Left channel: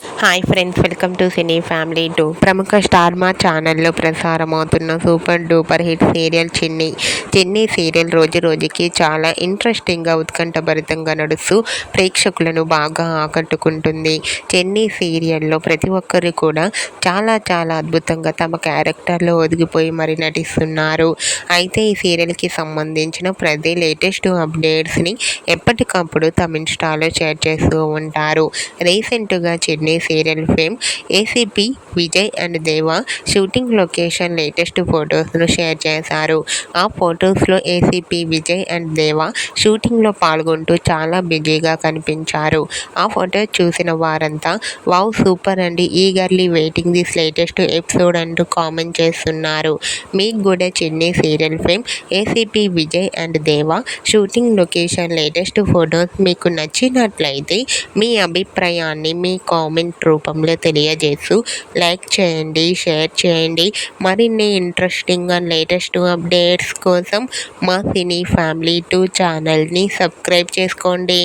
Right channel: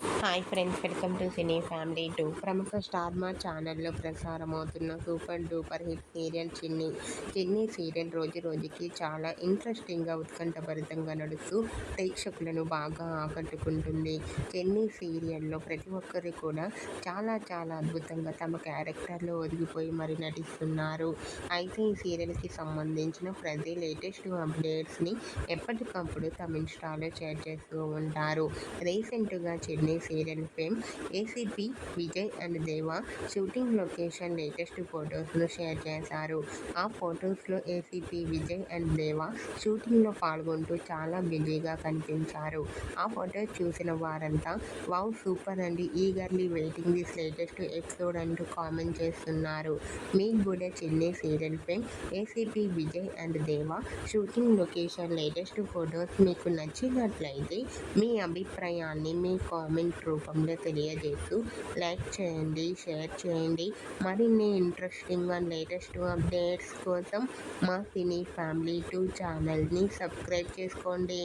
Hi friends, welcome to cine family 2. ప్రముఖ star మా ఛానల్లో ప్రసారమవుతున్న సూపర్ డూపర్ హిట్ సీరియల్ చిన్ని సీరియల్ రోజు రోజుకి చాలా ఇంట్రెస్టింగ్గా ఉత్కంఠభరితంగా నడుస్తూ ప్రేక్షకులను బాగా ఆకట్టుకుంటుంది. చిన్ని సీరియల్లో ప్రతి ఒక్కరు కూడా చాలా చాలా అద్భుతంగా తమ క్యారెక్టర్లో ఒదిగిపోయి మరి నటిస్తున్నారు. అయితే ఈ సీరియల్కి సంబంధించిన ప్రతి లేటెస్ట్ అప్డేట్స్ని ఎప్పటికప్పుడు తమ ఇన్స్టాలో షేర్ చేస్తూ ఉంటారు. రీసెంట్గా చిన్ని serial fame ACP Vijay and దేవా షూటింగ్ లొకేషన్ లేటెస్ట్ ఫొటోస్ను షేర్ చేశారు. ఆ ఫొటోస్లో ఏసీపీ విజయ్ అండ్ దేవా షూటింగ్లో పాల్గొంటూ చాలా బిజీగా కనిపించారు. ఆ ఫోటో చూసిన వారంతా వావ్ సూపర్ అండి, eagerly waiting this latest episode అంటూ కామెంట్ చేస్తున్నారు. మీకు కూడా చిన్ని serial fame ACP Vijay and దేవా షూటింగ్ లొకేషన్ లేటెస్ట్ ఫొటోస్ మీకు నచ్చినట్లయితే మీ అభిప్రాయాన్ని మీ కామెంట్ రూపంలో తెలియజేస్తూ లైక్ చేయండి, షేర్ చేయండి. మరిన్ని ఇంట్రెస్టింగ్ అండ్ లేటెస్ట్ అప్డేట్స్ కోసం మా సినీ ఫ్యామిలీ 2 ఛానల్ని సబ్స్క్రైబ్ చేసుకోండి.